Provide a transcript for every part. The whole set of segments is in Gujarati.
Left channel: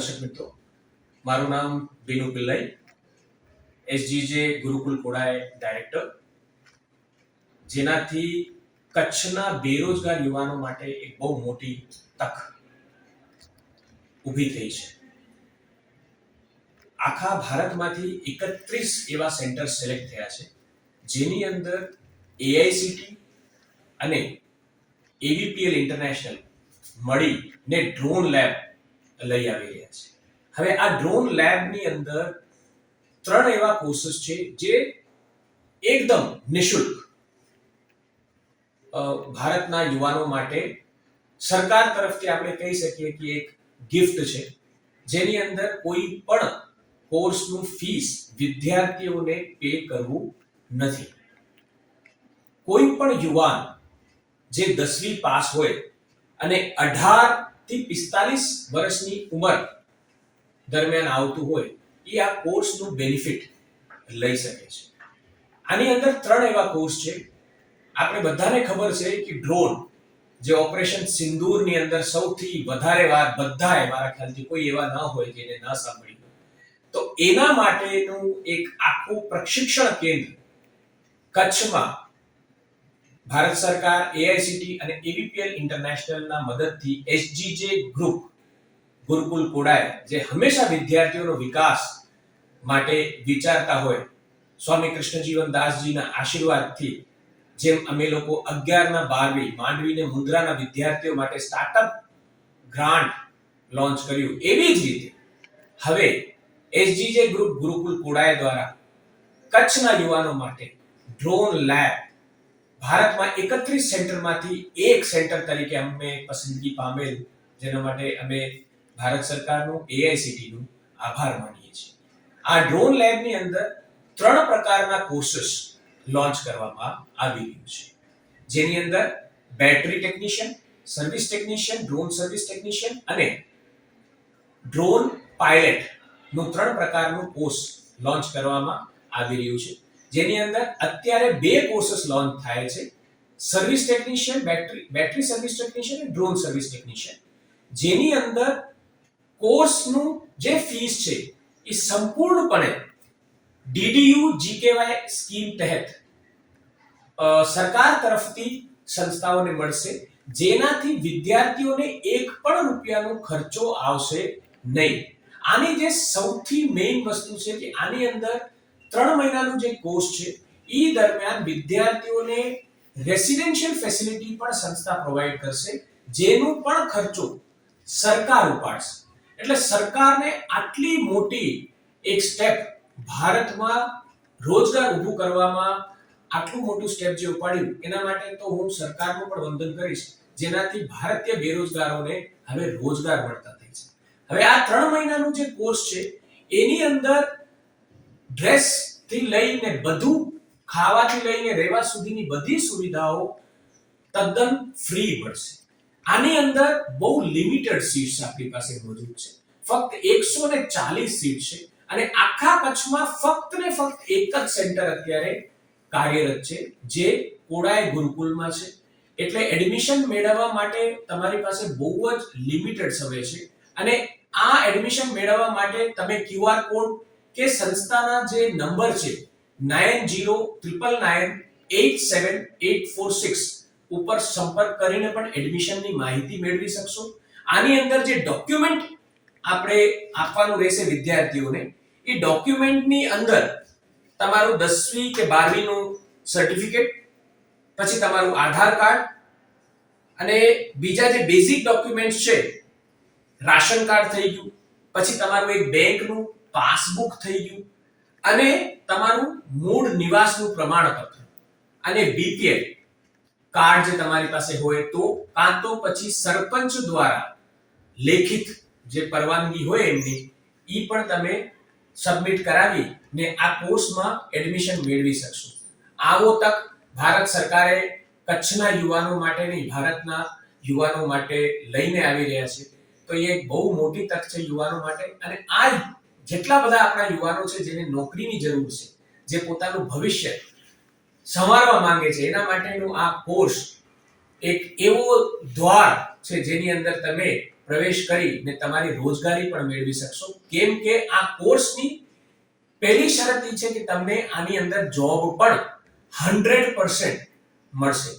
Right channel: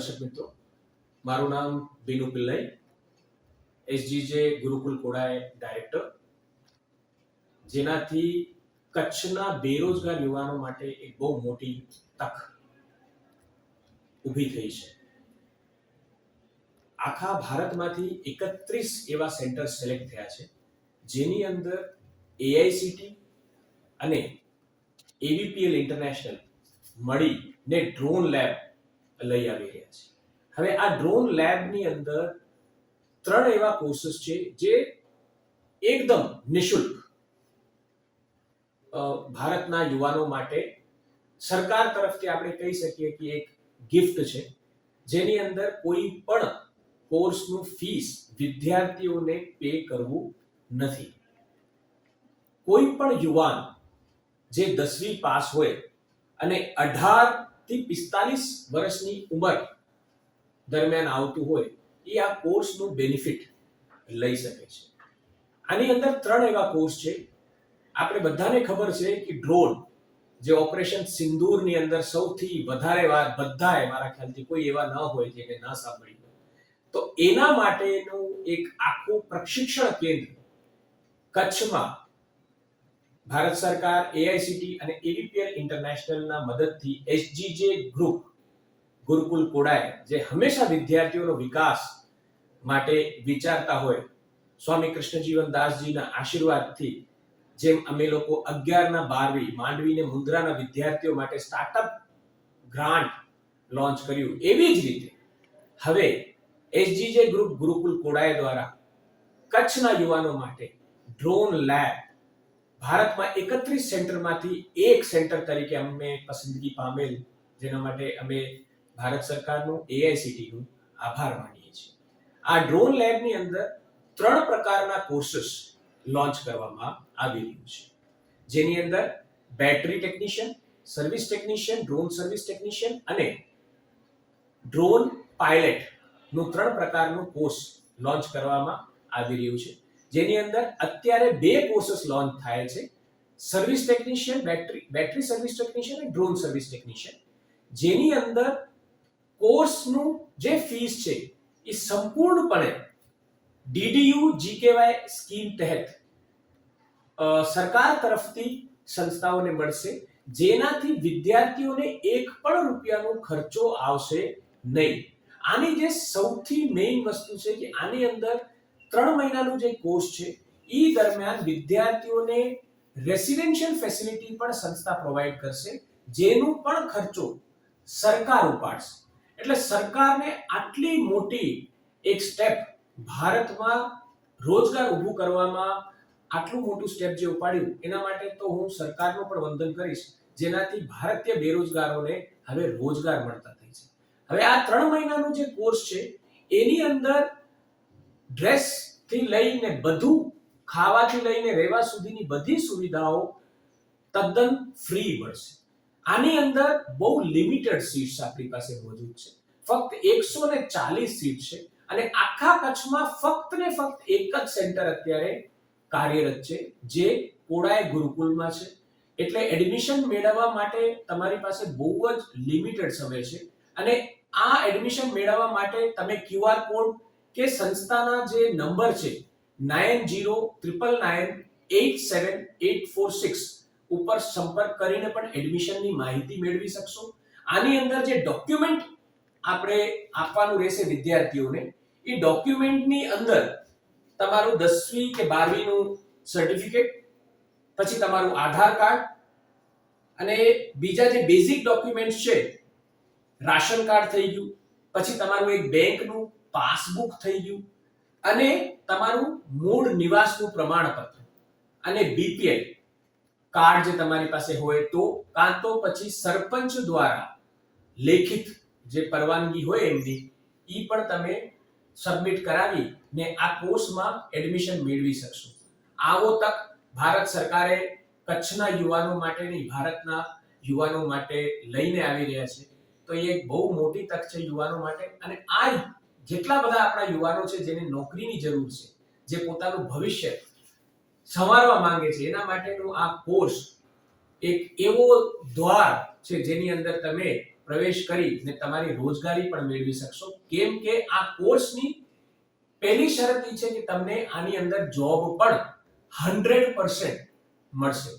દર્શક મિત્રો. મારું નામ બીનુ પિલ્લાઈ. એસજીજે ગુરુકુલ કોડાએ ડાયરેક્ટર જેનાથી કચ્છના બેરોજગાર યુવાનો માટે એક બહુ મોટી તક ઊભી થઈ છે. આખા ભારતમાંથી એકત્રીસ એવા સેન્ટર સિલેક્ટ થયા છે, જેની અંદર એઆઈસીટી અને એવીપીએલ ઇન્ટરનેશનલ મળીને ડ્રોન લેબ લઈ આવી રહ્યા છે. હવે આ ડ્રોન લેબની અંદર ત્રણ એવા કોર્સિસ છે જે એકદમ નિશુલ્ક ભારતના યુવાનો માટે સરકાર તરફથી આપણે કહી શકીએ કે એક ગિફ્ટ છે. જેની અંદર કોઈ પણ કોર્સનું ફીસ વિદ્યાર્થીઓને પે કરવું નથી. કોઈ પણ યુવાન જે દસમી પાસ હોય અને અઢાર થી પિસ્તાલીસ વર્ષની ઉંમર દરમિયાન આવતું હોય, એ આ કોર્સનું બેનિફિટ લઈ શકે છે. આની અંદર ત્રણ એવા કોર્સ છે. આપણે બધાને ખબર છે કે ડ્રોન, જે ઓપરેશન સિંદૂરની અંદર સૌથી વધારે વાર બધાએ મારા ખ્યાલથી કોઈ એવા ન હોય જેને ન સાંભળી. તો એના માટેનું એક આખું પ્રશિક્ષણ કેન્દ્ર કચ્છમાં ભારત સરકાર એઆઈસીટી અને એબીપીએલ ઇન્ટરનેશનલના મદદથી એસજીજે ગ્રુપ ગુરુકુલ કોડાય જે હંમેશા વિદ્યાર્થીઓનો વિકાસ માટે વિચારતા હોય, સ્વામી કૃષ્ણજીવન દાસજીના આશીર્વાદથી, જેમ અમે લોકો અગિયારના બારવી માંડવીને મુન્દ્રાના વિદ્યાર્થીઓ માટે સ્ટાર્ટઅપ ગ્રાન્ટ લોન્ચ કર્યું એવી જ રીતે. હવે એસજીજે ગ્રુપ ગુરુકુલ કોડાય દ્વારા કચ્છના યુવાનો માટે ડ્રોન લેબ ભારતમાં એકત્રીસ સેન્ટરમાંથી એક સેન્ટર તરીકે અમે પસંદગી પામેલ, જેના માટે અમે ભારત સરકારનું એઆઈસીટીનું આભાર માનીએ છીએ. આ ડ્રોન લેબની અંદર ત્રણ પ્રકારના કોર્સિસ લોન્ચ કરવામાં આવી રહ્યું છે. જેની અંદર battery technician, service technician, drone service technician અને ડ્રોન પાયલટનું ત્રણ પ્રકારનું કોર્સ લોન્ચ કરવામાં આવી રહ્યું છે. જેની અંદર અત્યારે બે કોર્સિસ લોન્ચ થાય છે. Service technician battery battery service technician અને ડ્રોન સર્વિસ ટેકનિશિયન જેની અંદર કોર્સનું જે ફીસ છે, એ સંપૂર્ણપણે ડીડીયુ જીકેવાય સ્કીમ તહેત સરકાર તરફથી સંસ્થાઓને મળશે. જેનાથી વિદ્યાર્થીઓને એક પણ રૂપિયાનો ખર્ચો આવશે નહીં. આની જે સૌથી મેઇન વસ્તુ છે કે આની અંદર ત્રણ મહિનાનો જે કોર્સ છે, એ દરમિયાન વિદ્યાર્થીઓને રેસિડેન્શિયલ ફેસિલિટી પણ સંસ્થા પ્રોવાઈડ કરશે, જેનું પણ ખર્ચો સરકાર ઉપાડશે. એટલે સરકારને આટલી મોટી એક સ્ટેપ ભારતમાં રોજગાર ઊભું કરવામાં આટલું મોટું સ્ટેપ જે ઉપાડ્યું, એના માટે તો હું સરકારનું પણ વંદન કરીશ, જેનાથી ભારતીય બેરોજગારોને હવે રોજગાર મળતા થઈ છે. હવે આ ત્રણ મહિનાનું જે કોર્સ છે, એની અંદર ડ્રેસથી લઈને બધું, ખાવાથી લઈને રહેવા સુધીની બધી સુવિધાઓ તદ્દન ફ્રી મળશે. આની અંદર બહુ લિમિટેડ સીટ્સ આપણી પાસે મોજૂદ છે. ફક્ત એકસો ને ચાલીસ સીટ છે અને આખા કચ્છમાં ફક્ત ને ફક્ત એક જ સેન્ટર અત્યારે કાર્યરત છે, જે કોડાય ગુરુકુલમાં છે. એટલે એડમિશન મેળવવા માટે તમારી પાસે બહુ જ લિમિટેડ સમય છે. અને આ એડમિશન મેળવવા માટે તમે ક્યુઆર કોડ કે સંસ્થાના જે નંબર છે nine zero triple nine eight seven eight four six ઉપર સંપર્ક કરીને પણ એડમિશનની માહિતી મેળવી શકશો. આની અંદર જે ડોક્યુમેન્ટ આપણે આપવાનું રહેશે વિદ્યાર્થીઓને, એ ડોક્યુમેન્ટની અંદર તમારું દસમી કે બારમીનું સર્ટિફિકેટ, પછી તમારું આધાર કાર્ડ અને બીજા જે બેઝિક ડોક્યુમેન્ટ્સ છે, રાશન કાર્ડ થઈ ગયું, પછી તમારું એક બેંકનું પાસબુક થઈ ગયું અને તમારું મૂળ નિવાસનું પ્રમાણપત્ર અને બીપીએલ કાર્ડ જે તમારી પાસે હોય તો, કાં તો પછી સરપંચ દ્વારા લેખિત જે પરવાનગી હોય એમની એ પણ તમે સબમિટ કરાવી ને આ કોર્સમાં એડમિશન મેળવી શકશો. આવો તક ભારત સરકારે કચ્છના યુવાનો માટે નહીં, ભારતના યુવાનો માટે લઈને આવી રહ્યા છે. તો એ એક બહુ મોટી તક છે યુવાનો માટે અને આ જેટલા બધા આપણા યુવાનો છે, જેને નોકરીની જરૂર છે, જે પોતાનું ભવિષ્ય સંવારવા માંગે છે, એના માટેનો આ કોર્સ એક એવો દ્વાર છે, જેની અંદર તમે પ્રવેશ કરીને તમારી રોજગારી પણ મેળવી શકશો. કેમ કે આ કોર્સની પહેલી શરત એ છે કે તમને આની અંદર જોબ પણ હંડ્રેડ મળશે.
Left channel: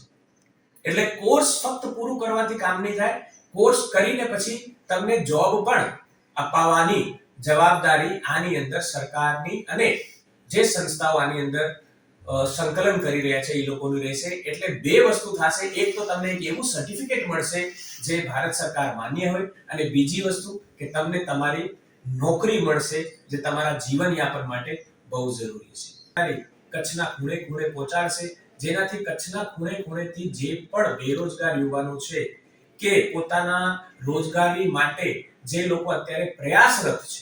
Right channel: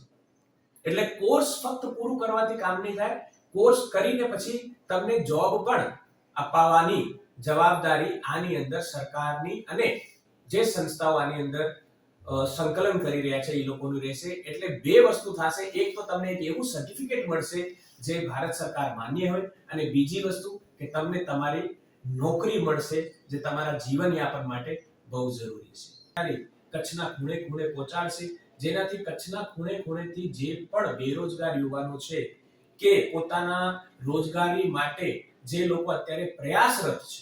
એટલે કોર્સ ફક્ત પૂરું કરવાથી કામ નહીં થાય. કોર્સ કરીને પછી તમને જોબ પણ અપાવવાની જવાબદારી આની અંદર સરકારની અને જે સંસ્થાઓ આની અંદર સંકલન કરી રહ્યા છે, એ લોકોનું રહેશે. એટલે બે વસ્તુ થશે. એક તો તમને એક એવું સર્ટિફિકેટ મળશે જે ભારત સરકાર માન્ય હોય અને બીજી વસ્તુ કે તમને તમારી નોકરી મળશે જે તમારા જીવનયાપન માટે બહુ જરૂરી છે. કચ્છના ખૂણે ખૂણે પહોંચાડશે. જેનાથી કચ્છના ખૂણે ખૂણેથી જે પણ બેરોજગાર યુવાનો છે કે પોતાના રોજગારી માટે જે લોકો અત્યારે પ્રયાસરત છે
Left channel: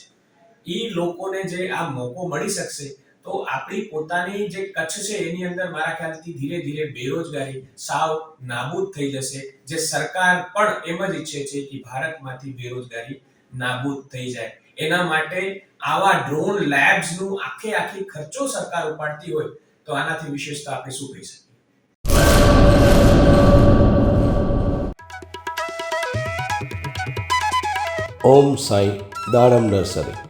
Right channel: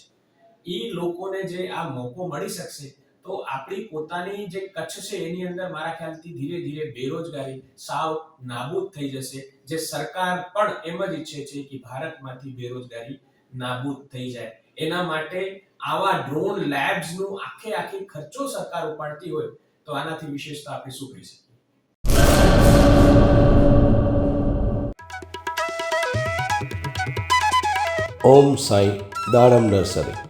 એ લોકોને જે આ મોકો મળી શકશે, તો આપણી પોતાની જે કચ્છ છે, એની અંદર મારા ખ્યાલથી ધીરે ધીરે બેરોજગારી, સાવ નાબૂદ થઈ જશે. જે સરકાર પણ એમ જ ઈચ્છે છે કે ભારતમાંથી બેરોજગારી નાબૂદ થઈ જાય. એના માટે આવા ડ્રોન લેબ્સનું આખે આખી ખર્ચો સરકાર ઉપાડતી હોય, તો આનાથી વિશેષતા આપણે શું કહી શકીએ? ઓમ સાઈ દાડમ નર્સરી.